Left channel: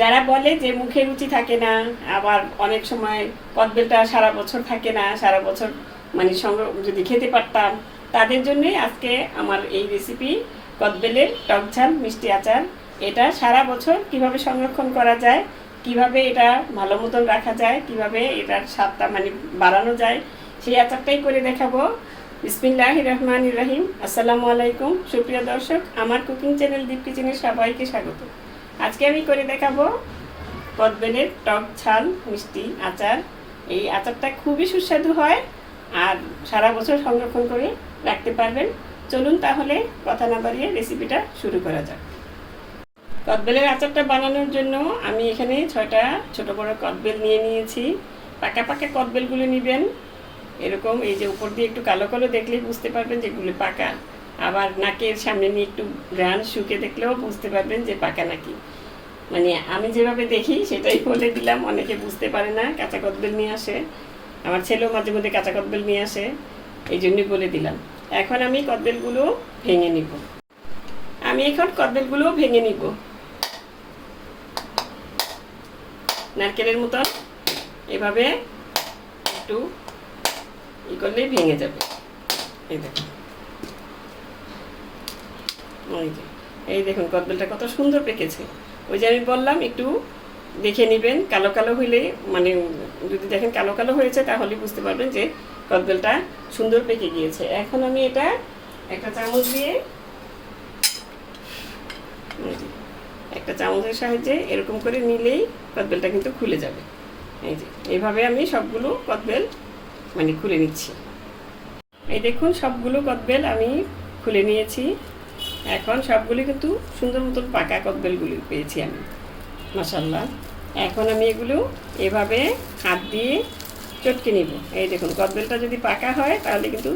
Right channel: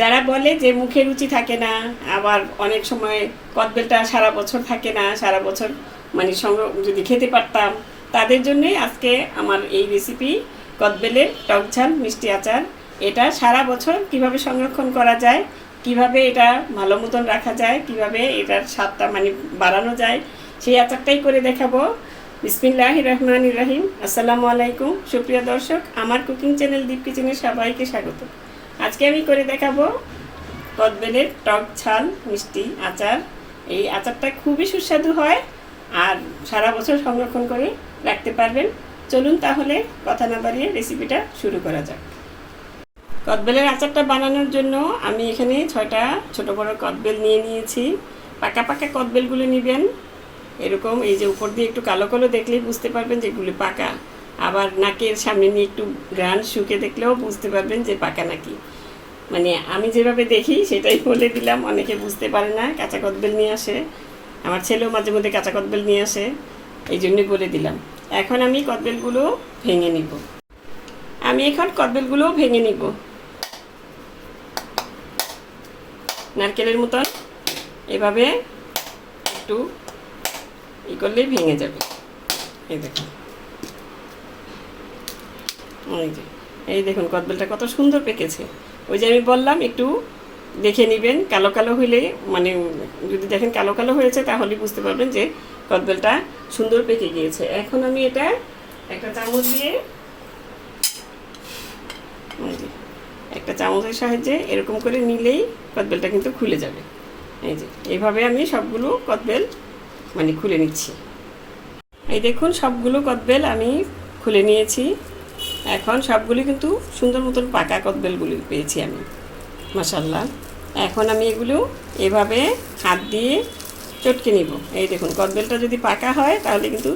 যারা বলে যে মুখে রুচি থাকে না, আবার অনেক সময় কদবেলটা সারা বছর থাকে না, সারা বছর মানে সংগ্রহ যদি খেতে পারতাম, তাদের জন্যই আজকে আমার এই রেসিপি কদবেলের টক ঝাল, মিষ্টি আচার। এটা সারা বছর কীভাবে সংরক্ষণ করা যায়, কীভাবে এটা ভালো মতন রাখা যায়, কীভাবে এটার স্বাদটা মানে বাড়ানো যায়, সেই আচারটাই করে দেখাবো। বিসমিল্লাহ রহমান রাহিম। আসসালামু আলাইকুম। সুপ্রিয় দর্শক, আমার কুকিং চ্যানেল দীপ কিচেনে সবাইকে স্বাগত। আজকে আমি করে দেখাবো কদবেলের টক ছাল মিষ্টি আচার। এই আচারটা খুবই সুস্বাদু হয় আর সারা বছর সংরক্ষণ করে রাখতে পারবেন। চলুন তাহলে কথা না বাড়িয়ে রেসিপিটা শুরু করা যাক। কদবেলের আচারটা বানানোর জন্য আমি এখানে ছয়টা ছোট বড় কদবেল নিয়ে নিয়েছি। পাকা পাকা কদবেলগুলো নেবেন। এরকম এই যে উপর দিয়ে একটু কালো কালো দেখলেই বুঝতে পারবেন যে এগুলি পাকা। আবার নাকের সামনে নিয়ে একটু গ্রান শুকে দেখলেও বুঝতে পারবেন যে পাকা নাকি। মানে আমি যেভাবে দেখি সেটাই বলে দিলাম, অনেকে বুঝতে পারে না, কাঁচা কদবেল নিয়ে আসে। আমার ছেলেও মাঝে মধ্যে কাঁচা কদবেল নিয়ে আসে, এই জন্যই বলে দিলাম। এখন আমি কদবেলগুলো ভেঙে নিব। আমি এখন কদবেলগুলো ভেঙে নিব। নারকেলের মতো এভাবে একটু ই করলেই ভেঙে যাবে। এই দেখুন। এই যে, এই দেখুন কদবেলটা কত সুন্দর পেকেছে। ওই যে আমি বললাম, একটু দেখে নেবেন, কালো কালো হইলে মানে যদি দেখেন কালো কালো হয়েছে, তাহলে বুঝতে পারবেন যে কদবেলটা সুন্দর পেকে গিয়েছে। এখন আমি এটা একটা চামচ দিয়ে একটা চামচের সাহায্যে এরকম করে নিলেই কদবেলটা কিন্তু খুলে যাবে। এই যে, এইভাবে আমি সবগুলো কদবেল মানে খুলে নিচ্ছি। এই দেখুন, সবগুলো কদবেল আমি খুলে নিয়েছি। এখন সবগুলি কিন্তু সুন্দর মতন পাকা কদবেলগুলি পেয়েছি আমি মশাল্লা এখন আমি এগুলো এভাবে হাত দিয়ে চটকে নিব। এই দেখুন, কদবেলটা যদি পাকা হয়, তাহলে কিন্তু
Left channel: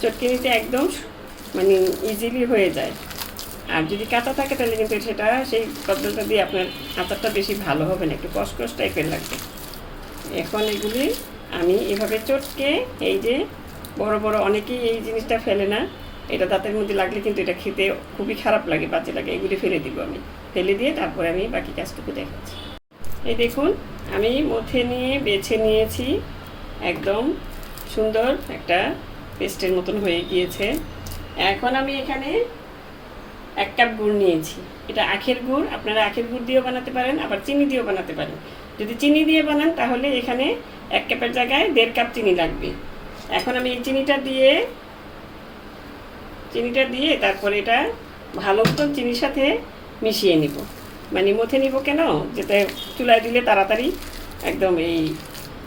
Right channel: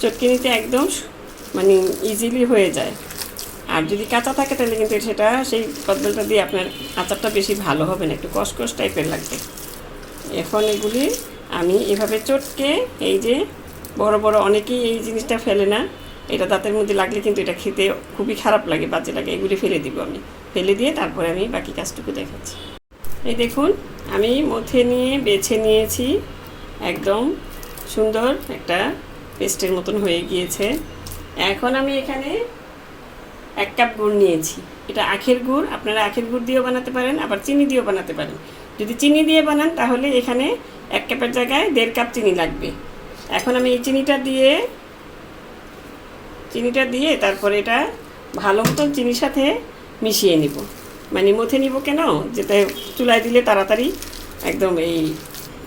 চটকে নিতে একদম মানে ইজিলি হয়ে যায়। আর যদি কাঁচা থাকে, তাহলে কিন্তু সেটা, সেই কদবেলটা দিয়ে আপনার আচারটা বেশি ভালো হবে না, একটু কসকস টাইপের লাগবে। এখন এগুলি আমি এভাবে চটকে, এই যে বড় বড়, অনেকেই এই জিনিসটা ফেলে না এটা দাঁতের মধ্যে লাগলে কিন্তু এটা খেতে খুবই খারাপ লাগে, বাজে লাগে। এগুলি ফেলে দিব আমি। ফেলে দিয়ে তারপরে আমি বাকি কাজটুকু দেখাচ্ছি। এই দেখুন, আমি মথে নিয়ে বেছে নিয়েছি একদম সুন্দর একটা পেস্টের মতন হয়ে গিয়েছে। এখন আমি এখানে এক কাপ গুড় নিয়েছি। এটা আখের গুড়, আপনারা আখের গুড় দিয়েও বানাতে পারেন, আবার চিনি দিয়েও বানাতে পারেন। যদি চিনি দিয়ে বানান, তাহলে এখানে এক কাপের জায়গায় দেড় কাপ চিনি লাগবে। এখন আমি এই চিনিটা দিয়ে চিনিটা দিয়ে তারপরে এটা ভালো মতন চিনির সাথে মিশিয়ে নিব। মানে মথে নিব কেন? যেটা চুলায় দিলে তাড়াতাড়ি একদম এই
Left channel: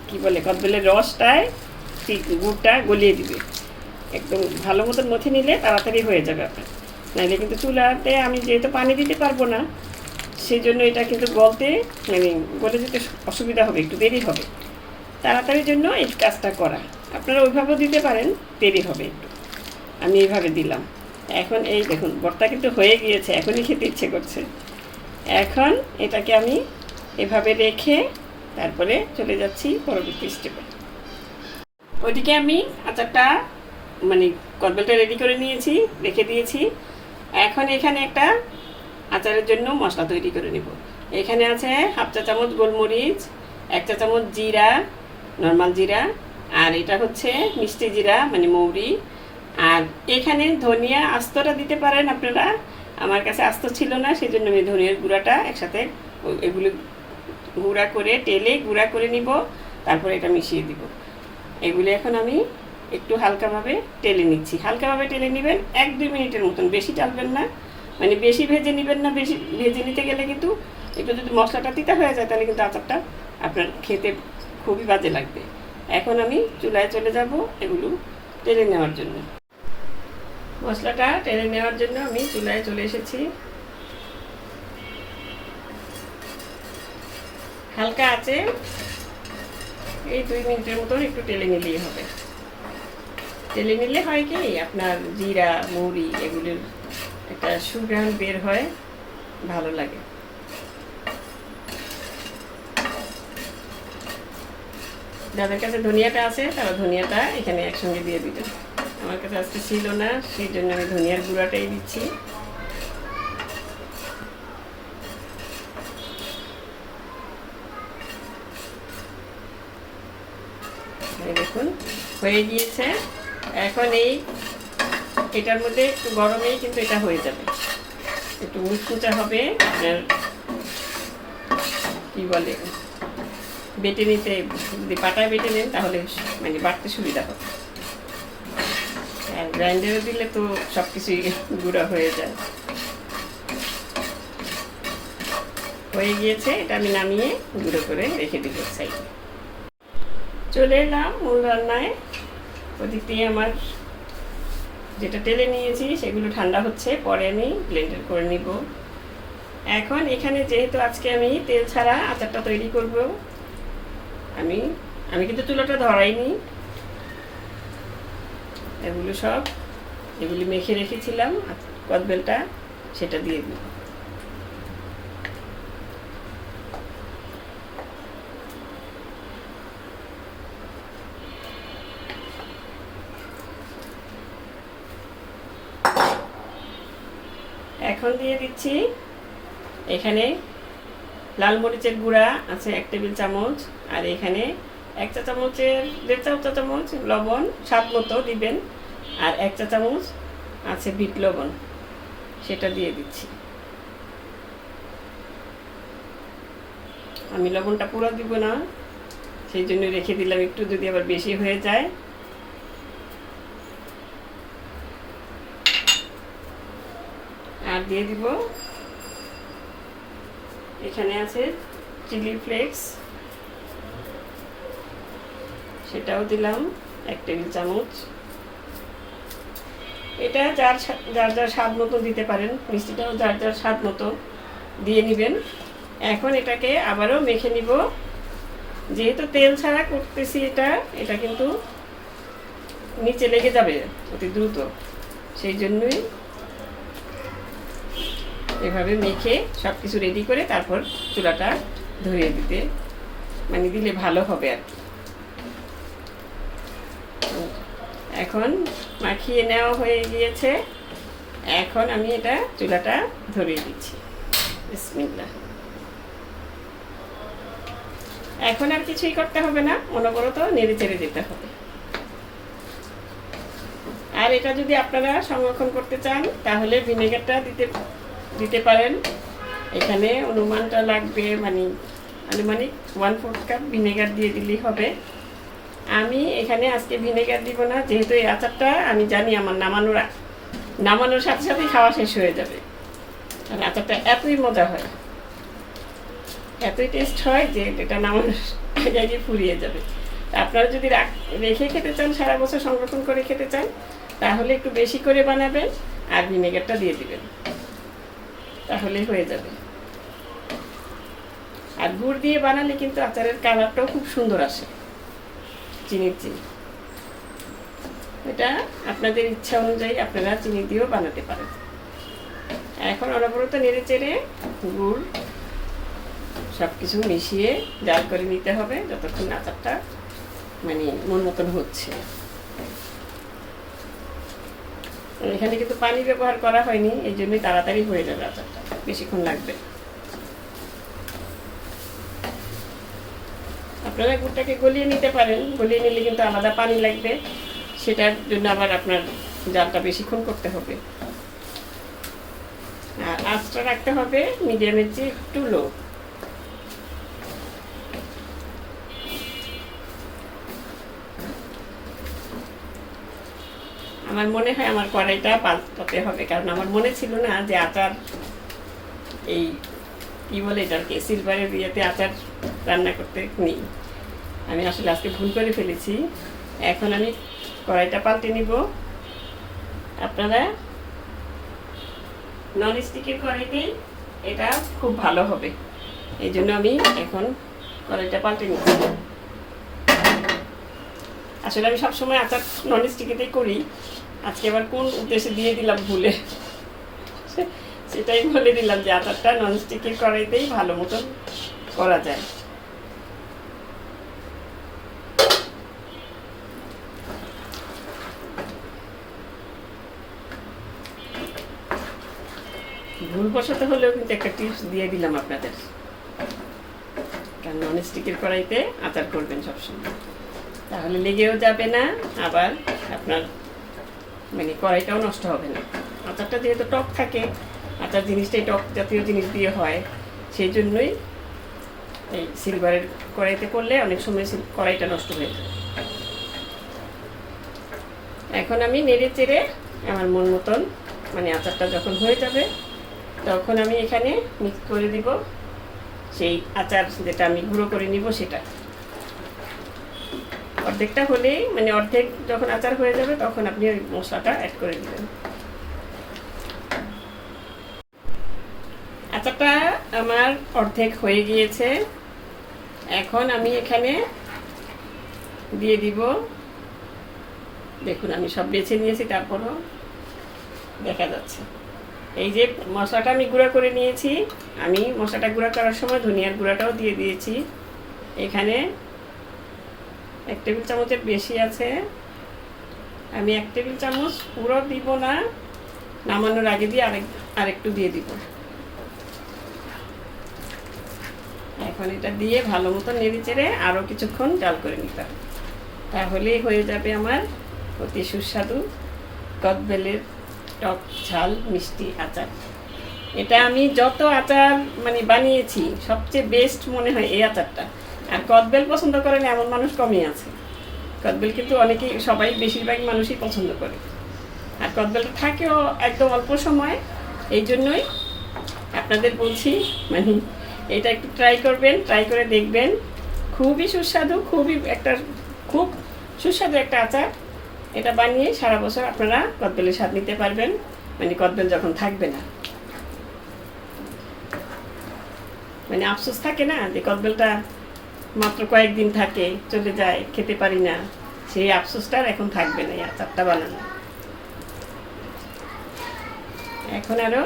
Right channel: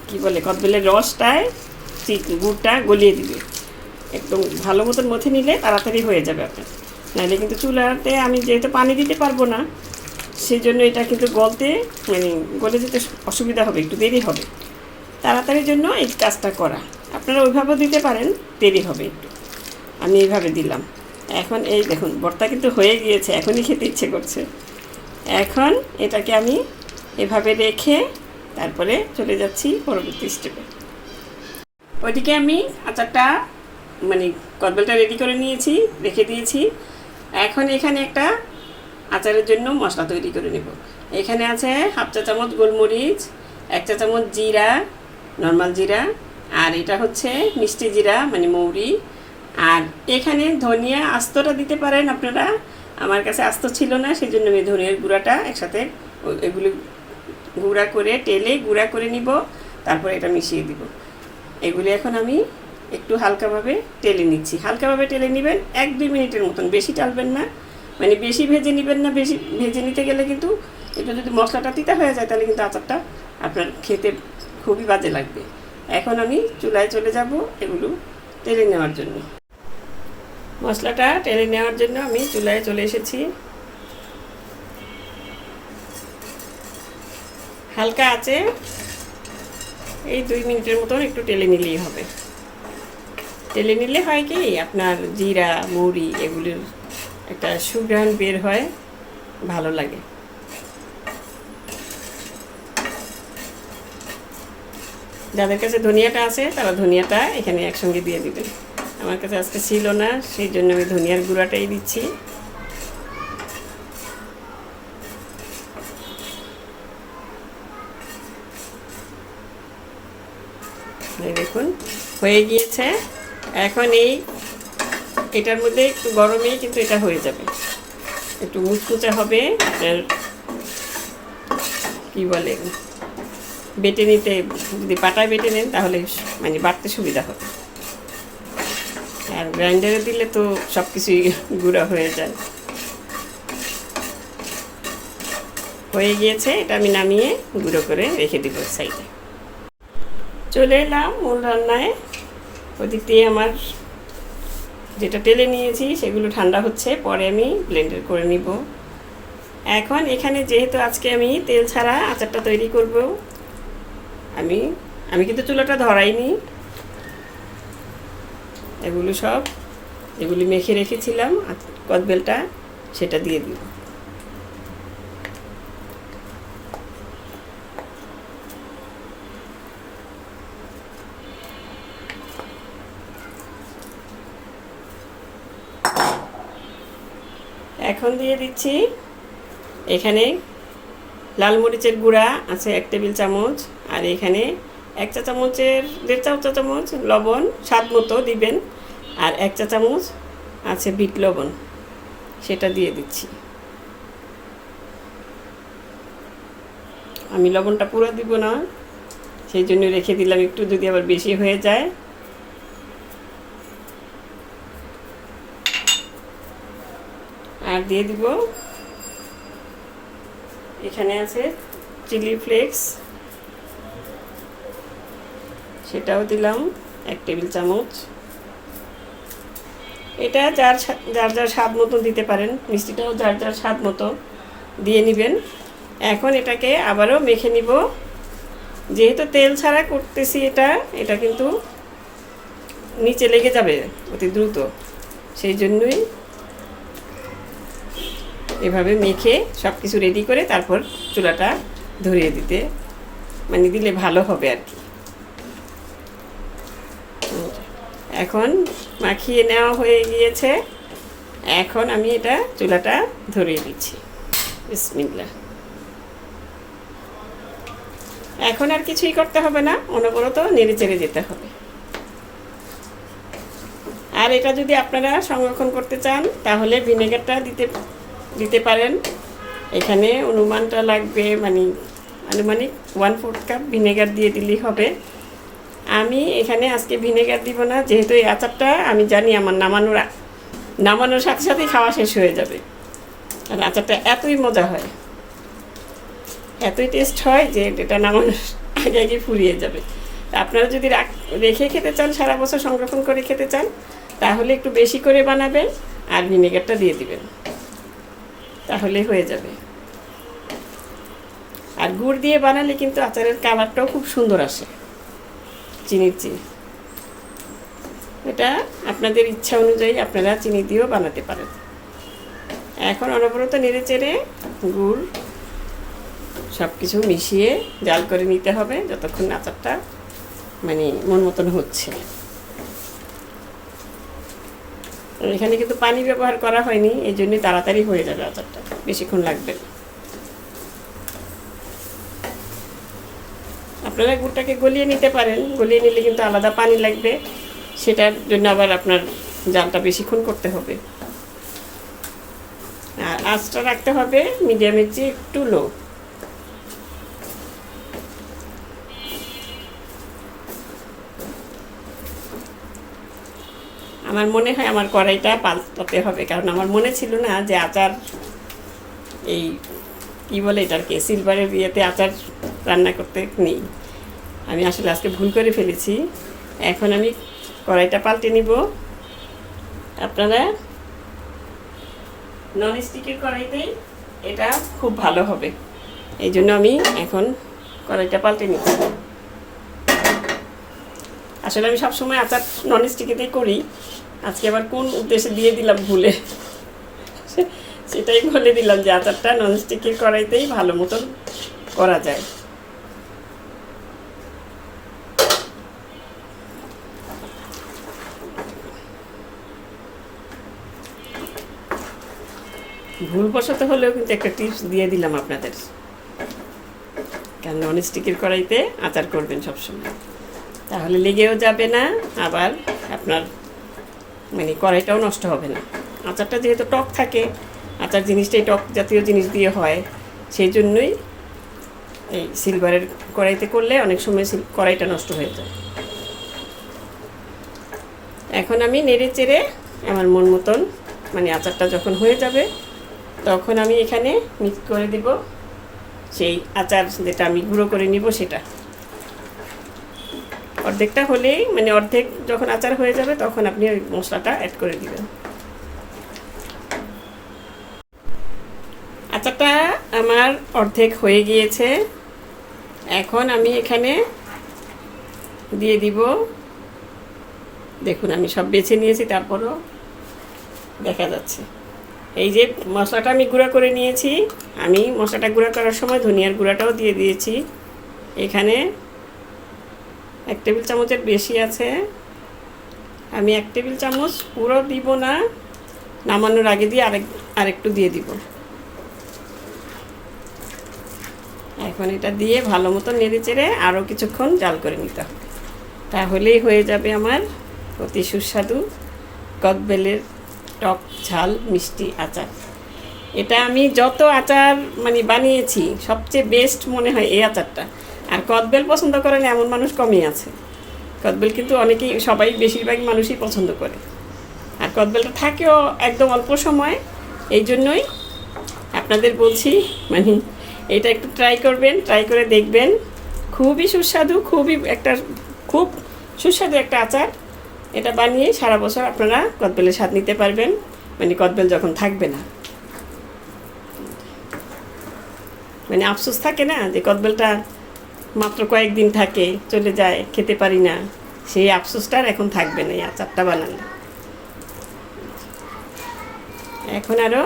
কি বলে, কদবেলের রসটায় গুড়টা গলিয়ে দিবে। একদম ভালো মতন মথে নিলে তাড়াতাড়ি হয়ে যাবে আপনার। নাহলে কিন্তু চুলাতে আমি যেহেতু পানি দিতে পারব না, সেই জন্য এটা কিন্তু গলতে মানে গলে যেতে অসুবিধা হবে, একটু দেরি হবে। তাড়াতাড়ির জন্য এই কাজটা করা। আপনারা ওইভাবেও দিতে পারেন, দেরি হবে একটু। আমি এইভাবে দিলাম। এখন এই দেখুন, ভর্তা কিন্তু হয়ে গিয়েছে, এখনই খেতে ইচ্ছে করছে। এখন এটাকে আমি এভাবে রেখে তারপরে চলে যাচ্ছি পরবর্তী স্টেপে ওইদিকে আমি আচারটা মানে কদবেলটা রেডি করে নিয়েছি, রেখে দিয়েছি। এখন এখানে একটা আচারের জন্য মশলা তৈরি করে নেব। এখানে আছে হাফ চা চামচ গোলমরিচ, এক চা চামচ জিরা নর্মাল জিরা, আর এটা হচ্ছে মিষ্টি জিরা মানে মৌরি আর এখানে ধনিয়া আস্তটা দিতে পারেন আপনারা। আমার কাছে আস্ত ছিল না সেই জন্য আমি ধনিয়ার গুঁড়াটা একসাথে এগুলো গুঁড়া করে টেলে গুঁড়া করে নিব, তারপরে এটা মিশিয়ে দিব। এগুলি এখন আমি একটু হালকাভাবে টেলে নিচ্ছি। হালকাভাবে টেলে নেবেন, এক দুই মিনিটের মতন। বেশি টালবেন না। মানে বেশি ভেজে নেবেন না, বেশি ভেজে নিতে গেলে কিন্তু একটু যদি মশলাটা তিতা হয়ে যায়, তাহলে কিন্তু আচারটা আপনার খেতে খুবই বাজে লাগবে। এখন আমি চুলায় চলে যাব এগুলো টেলে নেওয়ার জন্য। মশলাটা টেনে নেওয়ার জন্য আমি চুলায় চলে এসেছি। হালকা আছে। এই দুই মিনিটের মতো একটু টেলে নিলেই হবে। টেলে নিলে হয় কি, আপনার জিরা মৌরি এগুলির একটা সুগ্রান বের হয়, ভালো লাগে। যাদের কাছে ধনিয়াটা আছে, তারা ধনিয়াটা এখানে একসঙ্গে দিয়ে দিবেন। আমার কাছে আজকে ছিল না, সেই জন্য আমি ধনিয়ার গুঁড়াটাই দিচ্ছি। দেখুন, হয়ে গিয়েছে। এখন এই, এটার মধ্যে একটু গরমেই কিন্তু এটা হয়ে যাবে। একটু মুচকুচা হবে কি বলে, বেটে নিতে, যদি পাটায় বেটে নেন তাহলে মানে বাড়তে সুবিধা হবে। আর গ্রাইন্ডারে দিলে তো সব কিছুই গুঁড়া হয়ে যায়। হয়ে গিয়েছে, এটা আমি নামিয়ে গুঁড়ো করে রেখে দিব সাইডে। চলে এলাম মূল রান্নায়। ওদিক দিয়ে আমার যেটা টেলে নিয়েছি, সেগুলো ঠান্ডা হচ্ছে, পরে আমি ব্লেন্ডার করে নিব। এখন এখানে যেহেতু আজকে আমি তেল ছাড়া আচারটা তৈরি করব, আমি আমি কিন্তু চুলাটা ধরাইনি। এগুলো সব এগুলি মেখে রেখেছিলাম কদবেলটা সেটা দিয়ে দিব এখন দিয়ে দিচ্ছি এখানে লাল মরিচের গুঁড়া আছে এক টেবিল চামচ আর এখানে এক চা চামচের দেড় চা চামচ লবণ স্বাদ মতো দিবেন। আর এক চা চামচ আছে বিট লবণ, সেটা দিয়ে দিচ্ছি। আমি লবণটা পুরো দিব না, সেই জন্য রেখে দিলাম একটু যদি আবার বেশি হয়ে যায়। আর দিয়ে দিব, এখানে আছে চিলি ফ্লেক্স। সেটাও দিলাম, এক টেবিল চামচ। এটা যার যার যার স্বাদ মতো দিতে পারেন। মিষ্টিটাও যার যার স্বাদ মতো দিয়ে নেবেন। এখন এটাকে আবারও মেখে নিব। যেহেতু তেল ছাড়া করতেছি এটা এটা কিন্তু নিচে লেগে যাবে অতি দ্রুত। সেই জন্যই এভাবে মেখে সব কিছু রেডি করে তারপর চুলাটা ধরিয়ে দিতে মানে দিলে ভালো হবে আর কি। এখন মাখিয়ে নেওয়া হয়ে গিয়েছে। এখন আমি এটা চুলাটা ধরিয়ে দিচ্ছি। বিসমিল্লাহ। এখন আর কিছুই করতে হবে না, অনবরত নেড়ে চেড়ে যেতে হবে। আর এটা যদি আপনারা সংরক্ষণ করতে চান, তাহলে ভিনেগারটা দিতে দিতে পারেন। এখানে অনুমানটা লাগবে মানে আনুমানিক ওয়ান ফোর্থ কাপ ভিনেগার দিয়ে দিলেই হবে। আমি এখানে আজকে ভিনেগার দিব না, যেহেতু এই আচারটা আমি জানি আমার নামানোর নামানোর সাথে সাথেই খাওয়া শেষ হয়ে যাবে। আর আচারটা এতই মজা হয়, এতই টেস্ট হয় যে এটা নামানোর আগে আগে ফুরিয়ে যাবে। আপনারা যদি রেখে খেতে চান, সারা বছর সংরক্ষণ করে খেতে চান, তাহলে একটু বেশি করে বানাবেন আর ভিনেগারটা দিয়ে দিবেন। তাহলে হয়ে যাবে। আর গুড় দিয়ে বানালে কিন্তু আচারের কালারটাও খুব সুন্দর আসে। চিনির চিনি। এটা আপনাদের ইচ্ছা অনুযায়ী আপনারা চিনি দিয়েও বানাতে পারেন। এখন অনবরত নেড়ে চেড়ে গুড় সব কিছু মিশিয়ে জাল করে নিতে হবে যতক্ষণ আচারটা মানে মন মতন হচ্ছে। এখানে কিন্তু পানি ব্যবহার করা হয়নি এই জন্য তাড়াতাড়ি হয়ে যাবে আচারটা। বেশিক্ষণ লাগবে না। আপনারা গুড়টাকে গলিয়ে নিতে পারেন। গলিয়ে নিলে কিন্তু আলাদা পানি লাগবে। সেটার জন্য আবার আপনার জালটা বেশিক্ষণ করতে হবে। আর আঁচটা রাখতে হবে মিডিয়ামের চেয়ে একটু লো। আমার মনে হয় আমার কড়াইটা পাল্টাতে হবে। কারণ আমার মনে ছিল না যে আচার এই, কী বলে এটাকে সিলভারের বিয়েতে আচার রান্না করতে নেই। আমি আসলে আজকে ভুল করে ফেলেছি। এখন আমি কড়াইটা পাল্টে নিব। আপনারা নন স্টিকের কড়াইতেই এটা খুব ভালো হবে। এই জন্য আমি এখন কড়াইটা পাল্টে নিচ্ছি। আসলে আমি সবসময় আচার নন স্টিকেতেই করি। আজকে আবার কোন উদ্দেশ্যে দিয়ে দিলাম ভুলে? সেটাই বলে দিলাম যে আচারটা নন স্টিকের কড়াইতেই ভালো মতন করা যায়। ভুলবশত হলেও কিন্তু একটা টিপস দিয়ে দিলাম আপনাদের। কারণ নন স্টিকের কড়াইতে আচার করবেন সবসময়। তাহলে লেগেও যাবে না, আবার আপনার মানে কড়াইটাও নষ্ট হবে না। আচারটা যেহেতু টক থাকে, আচার জিনিসটাই টক জাতীয় জিনিস দিয়ে হয়, সেই জন্যই এই সিলভারের কড়াইতে করলে অনেক সময় কড়াইটা নষ্ট হয়ে যায়। এখন আমি নেড়ে চেড়ে আমার মন মতন মানে আচারটা যখন হয়ে যাবে তখন আমি এখানে মিক্স করে দিব। সেই আচার যেটা আমি গুঁড়ো করে নিব সেটা। অর্ধেকটা হলেই মানে অর্ধেক যখন আচার হয়ে যাবে, তখন আপনি ওই মশলাটা অ্যাড করে দেবেন। আচারটা আমার অর্ধেক হয়ে গিয়েছে। এখন আমি এখানে দিয়ে দিব। দেখুন, আমি সব বেছে নিয়েছি, তারপরও দেখা যাচ্ছে। এই যে মশলাটা আমি গুঁড়া করে নিয়েছি, আমি মশলাটা গুঁড়া করার সময় ধনিয়ার গুঁড়াটাও দিয়ে দিয়েছি। এখানে এক টেবিল চামচের বেশি আছে। আমি এক টেবিল চামচ পুরো দিব না, নামানোর আগে দিয়ে আরেক, আরেকটু দিয়ে দিব। এখন এটা দিয়ে ভালো মতো নেড়ে চেড়ে আরও কিছুক্ষণ জাল করে নিতে হবে। তাহলেই হয়ে যাবে আমার অতি সুস্বাদু কদবেলের টক ঝাল মিষ্টি আচার। এটা আমি যত আচার মানে বানিয়েছি, সবচেয়ে বেস্ট মনে হয় এই আচারটা। আর কদবেল পছন্দ করেন এমন মানুষ কমই আছে। কদবেল কিন্তু অনেকেই, সবাই বেশিরভাগ মানুষই পছন্দ করে। আর কদবেলটা থাকেও একদম অল্প সময়, এই জন্যই আপনাদের বলছি মানে এটা একটু ট্রাই করবেন ট্রাই করে দেখবেন। খুবই সুস্বাদু, খুবই একটা, খুব সুস্বাদু একটা আচার। এটা বানিয়ে সারা বছর আপনারা কদবেলের স্বাদ নিতে পারবেন। মানে কদবেল যখন থাকবে না। মানে আফসোস থাকে না যে কদবেলটা মাত্র কয়েকদিন থাকে, চলে যায়, খেতে পারি না। সেই আফসোসটা আর এখন থাকবে না, এই আচারটা বানালে এখন আরও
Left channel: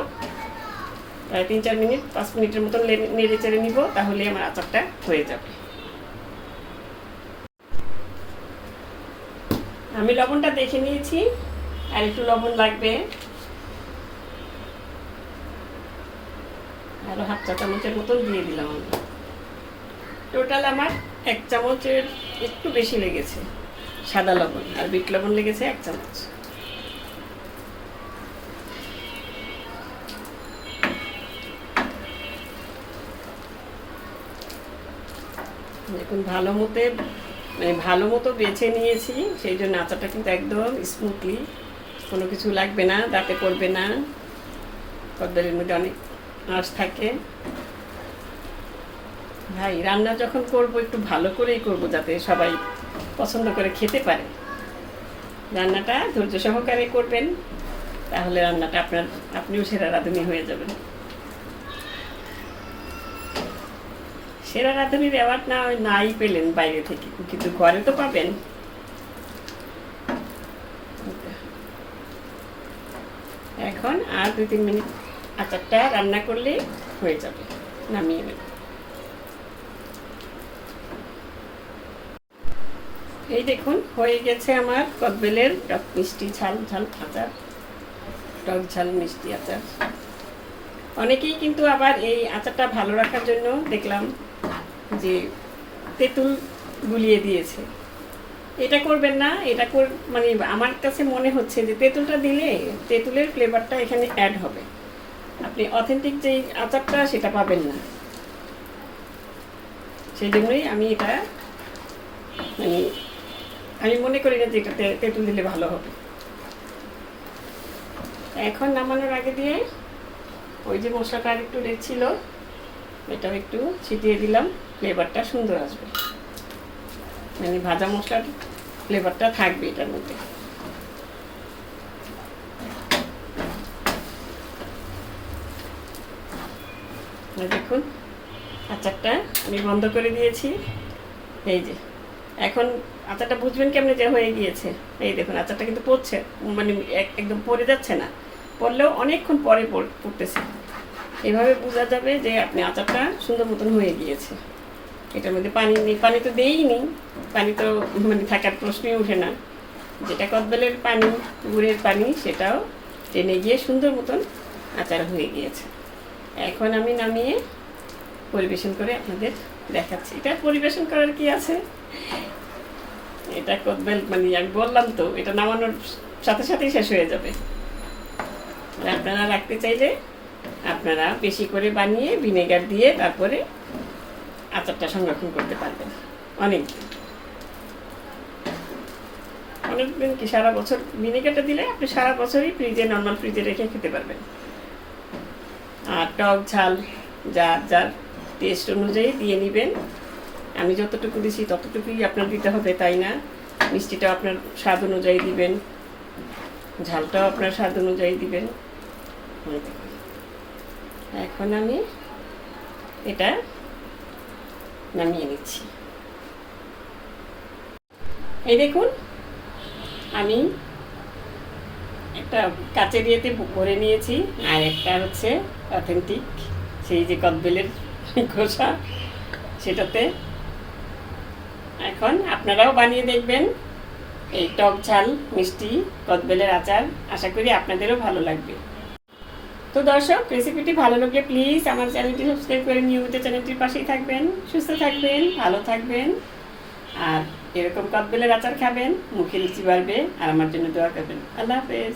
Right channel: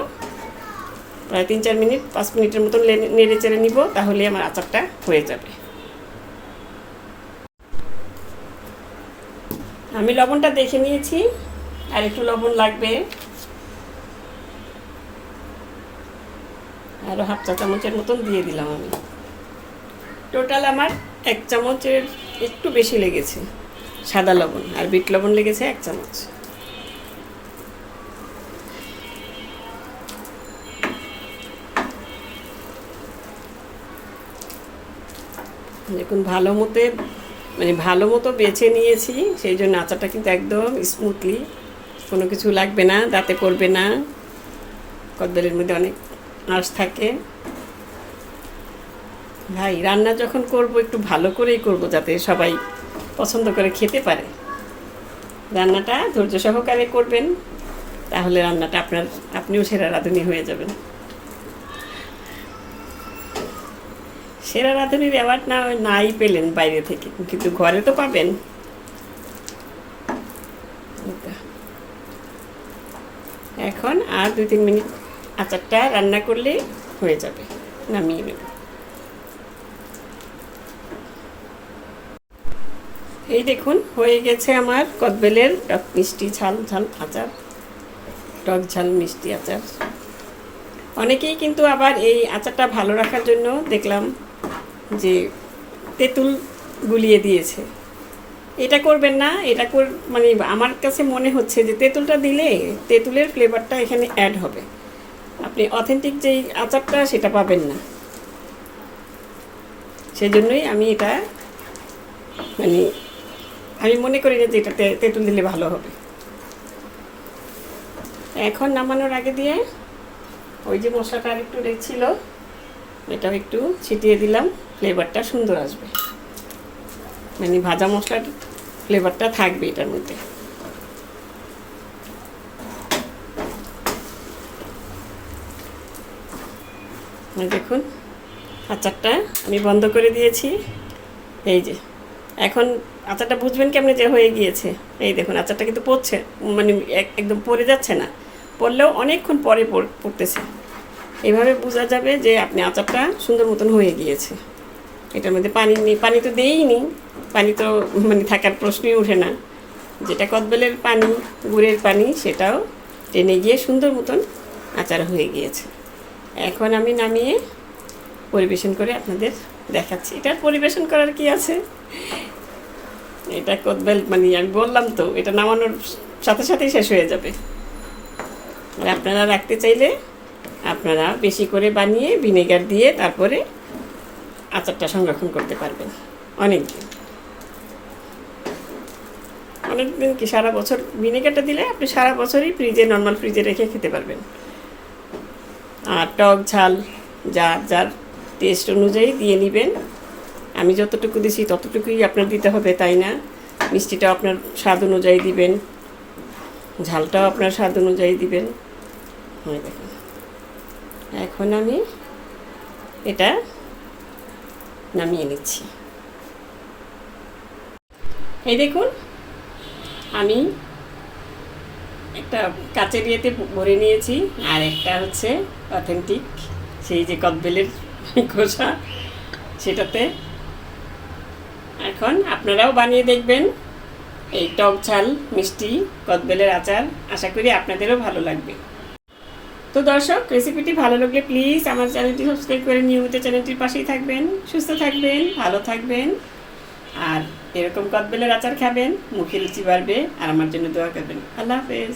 প্রায় তিন চার মিনিট, পাঁচ মিনিটের মতন নেড়ে চেড়ে নিব তাহলে আমার আচারটা হয়ে যাবে। আমি লবণটা দেখে নিয়েছি, আর একটু লবণ লাগবে। আরও হাফ চা চামচের মতন দিয়ে দিলাম আমি। টোটাল আমার এক চামচের একটু বেশি লেগেছে, সাদা লবণ, আর বিট লবণ লেগেছে এক চামচ। দেখুন, ভালো মতে মানে ভালো মতো বেছে নিয়েছি, সেই জন্য আচারটা কিন্তু একদম স্মুথলি কোনো কিছু লাগবে না, দাঁতে পড়বে না। কদ্দলের মধ্যে অনেক আঁশ থাকে। ভাই, রান্না যখন করব, একটু ভালো করেই করব যাতে সবাই পছন্দ করে খেতে পারে। রান্নাটা ধৈর্য সহকারে করবেন, তাহলে রান্নাটা আপনার, আপনিও সেরা রাঁধুনি হয়ে যাবেন। সেরা রাঁধুনির অ্যাওয়ার্ড না নাই পেলেন বাইরে থেকে। কিন্তু ঘরে তো পাবেন। এখন আর দুই তিন মিনিট আচারটা রান্না করলে হয়ে যাবে। নামিয়ে নেব। এই দেখুন, হয়ে গেছে আমার কদবেলের টক মিষ্টি ঝাল ঝাল আচার, টক ঝাল মিষ্টি আচার। অনেকেই কিন্তু আবার এই আচারটা ভালো রাখার জন্য দেখলাম যে তেঁতুল গুলিয়ে দিয়েছে। এটা করবেন না, এটা কর মানে আমার কাছে মনে হচ্ছে যে তেঁতুলটা দিলে তেঁতুলের ফ্লেভারটা এখানে অ্যাড হবে। আপনি অথেন্টিক যেই আচারটা সেটা পাবেন না। সেই জন্যই আমি এটা মানে আমি মনে করি না যে এটাতে তেঁতুল দিলে ভালো হবে। এখন নামানোর আগে দিয়ে ওই যে মশলাটা আর একটু রেখছিল এটাও একটু ছিটিয়ে দিলাম। ফ্লেভারটা সুন্দর আসবে। মানে ভাজা মশলার ফ্লেভারটা থাকবে এটার মধ্যে। দেখুন, আচারটা আমি বন্ধ করে দিয়েছি। এই যে, এখন আচারটা বুঝবেন কেমনে যে হয়ে গিয়েছে। এই দেখুন, আচারটা কিন্তু পড়ছে মানে এক- একদম পড়ে যাচ্ছে না। পড়লেও অনেকক্ষণ পরে পড়- পড়তেছে। এভাবে বোঝা যাবে যে আপনি আচারটা সুন্দর মতন হয়ে গিয়েছে। এটার মধ্যে পানি নেই, পানি তো দেইনি পানি তো মানে থাকার প্রশ্নই ওঠে না। যেটা কদবেলের পানি, গুড়ের পানি, সেটাও টেনে গিয়ে সুন্দর মতন আচার হয়ে গিয়েছে। এখন আমি নামিয়ে পরিবেশন করে আপনাদের দেখাচ্ছি। এটা পরিবেশন করার কি আছে? এটা কদবেল মানে আমি বললাম তো, এটা নামানোর সাথে সাথেই শেষ হয়ে যাবে। আপনারা রাখতে চাইলে আপনারা বেশি করে বানিয়ে ভিনেগার দিয়ে তারপরে আচারটা সংরক্ষণ করতে পারবেন। অনেক অনেক দিন কি সারা বছর ভিনেগারটা দিলে আপনি সারা বছরই ফ্রিজে নর্মাল ফ্রিজে রেখে খেতে পারবেন। আর টক ঝাল যার যার টেস্ট অনুযায়ী দিয়ে নেবেন। আমি যতটুকু দিছি ততটুকুই আপনার দিতে হবে, তাই না? মিষ্টিটাও আপনার স্বাদ অনুযায়ী দিবেন। ঝালটাও আপনার স্বাদ অনুযায়ী দিবেন। এখন আমি এটা নামিয়ে নিচ্ছি। এই দেখুন, আমি একটা কাচের ইয়েতে ভরে নিয়েছি, আর একটা হচ্ছে অথেন্টিক সেই যে কদবেলের খোসা, সেটাতে। এখন আপনারাও বানিয়ে দেখবেন এই টক ঝাল, মিষ্টি, কদবেলের আচার। আশা করি আপনাদেরও ভালো লাগবে। তো দর্শক রেসিপিটি ভালো লাগলে প্লিজ আমার চ্যানেলটি সাবস্ক্রাইব করে নিয়মিত চ্যানেলটির পাশেই থাকবেন, সুস্থ থাকবেন, ভালো থাকবেন। আর এরকম কদবেলের আচার খাবেন, মুখে লুচি বাড়বে, আর আমার জন্য দোয়া করবেন। আল্লাহ হাফেজ।